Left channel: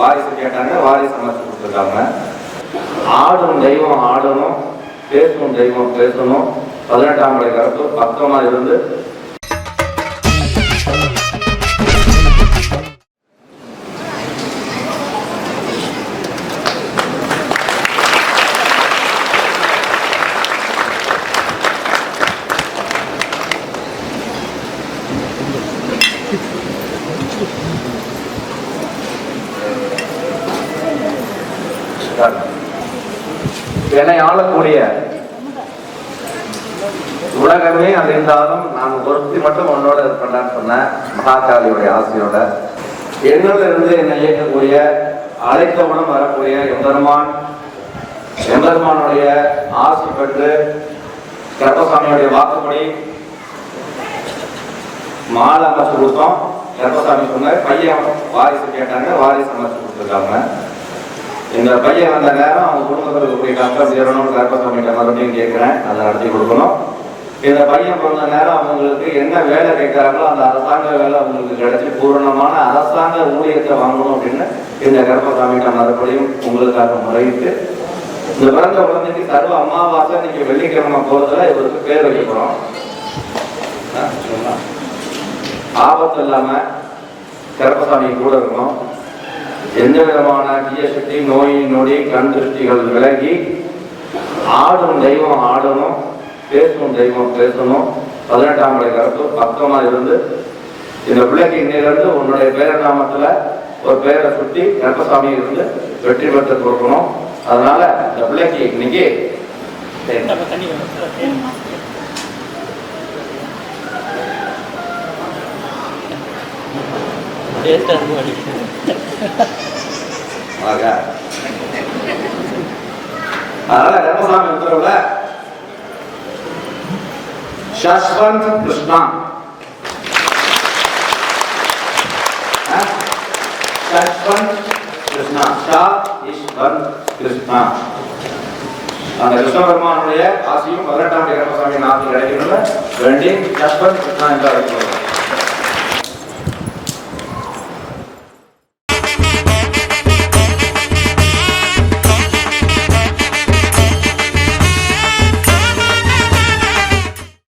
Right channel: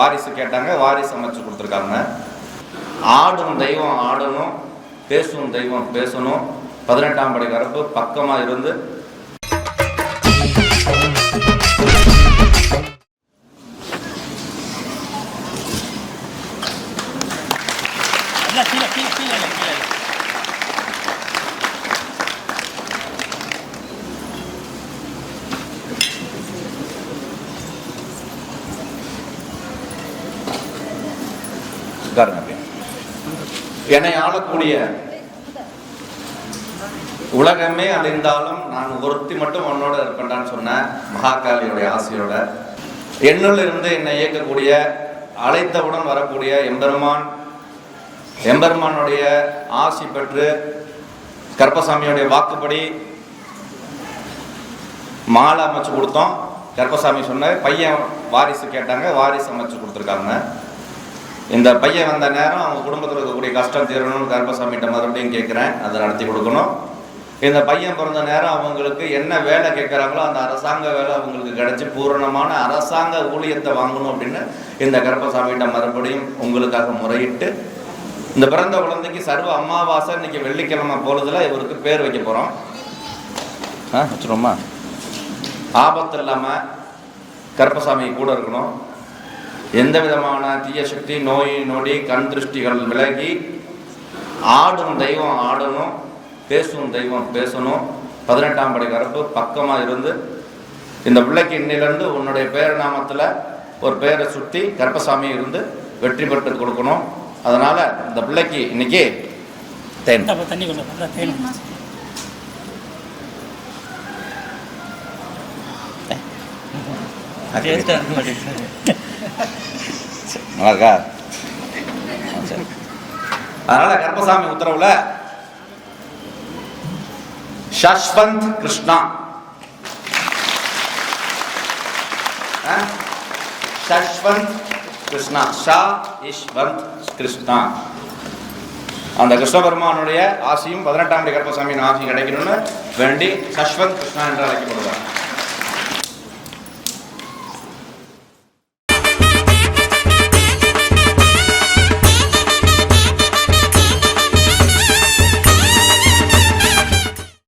வாரிசு கேட்டாங்க, வாரிசு அமைச்சு கொடுத்துருக்காங்க. ஆடும் தெய்வம் ஆடணும், பேசும் தெய்வம் பேசணும். 18ஆம் படை கருப்பு பக்கமா இருந்து என்னை ஆளக்கூடிய உலகமே அது இருந்தாலும் நான் ஒருத்தி மட்டும் உன்னோட இருப்பேன்னு சொன்ன மகாகாவியுடைய ஆசையோட என்னில் இருந்து என்னை இயக்கக்கூடிய அழைத்தவுடன் வரக்கூடிய எம்பெருமானுடைய ஆசை பெற்று கருப்பசாமியுடைய வாக்குப்படி மாலை அமைச்சு கொடுத்தோம். கருப்பசாமி சொன்ன பையன் வாரிசு கேட்டாங்க, வாரிசு அமைச்சு கொடுத்துருக்காங்க. இந்த பையன் அந்த நேரம் அவங்க குடும்பத்தில் இருக்கக்கூடிய கஷ்டம் தீரணும்னு கருப்பசாமிகிட்ட மறுபடியும் கேட்குறேன், அதை நடத்தி கொடுக்கணும். இந்த பையன் பிறந்த நேரம் அவங்களுக்கு என்ன வேலை கேட்குறாங்களோ அந்த அரசாங்க வேலை அவங்களுக்கு கிடைச்சி பூரணமான அரசாங்க ஊழியத்தை வாங்கணும் அப்படின்னு இந்த கருப்பசாமிகிட்ட மறுபடியும் உங்களுக்காக முறையிட்டு இந்த பிறந்த குழந்தைக்கு சர்வ அமாவாசை இன்னைக்கு வெள்ளிக்கிழமை போறதுல இவருக்கு பேர் வைக்க போறோம். ரொம்ப ஆபத்து இல்லாம கருப்பசாமி கூட இருக்கணும். எந்த விதமான தீய சக்தி, நோய் நொடி, கண் திருஷ்டிகள் விலகி ஆடும் தெய்வம் ஆடணும், பேசும் தெய்வம் பேசணும். 18ஆம் படை கருப்பு பக்கமா இருந்து இந்த பிள்ளைக்கு இன்னிலிருந்து உன்னுடைய பேரநாமத்துல ஒரு பேரை சுத்தி கருப்பசாமி இருந்து வெற்றி பெற்று கொடுக்கணும். அதனால இந்த பிள்ளைக்கு இன்னைக்கு அதனால கருப்பசாமி உத்தரவுல ஷஷ்வந்த் கிருஷ்ணா, ஷஷ்வந்த் கிருஷ்ணா, ஷா இஷ்வந்த் கிருஷ்ணா. அந்த கிருஷ்ண பெருமானுடைய ஆசையும் 18ஆம் கருப்பசாமியின் ஆசையும் கிடைக்கணும்னு வேண்டி ஷஷ்வந்த் கிருஷ்ணா என்று அழைக்கப்படுகிறார்.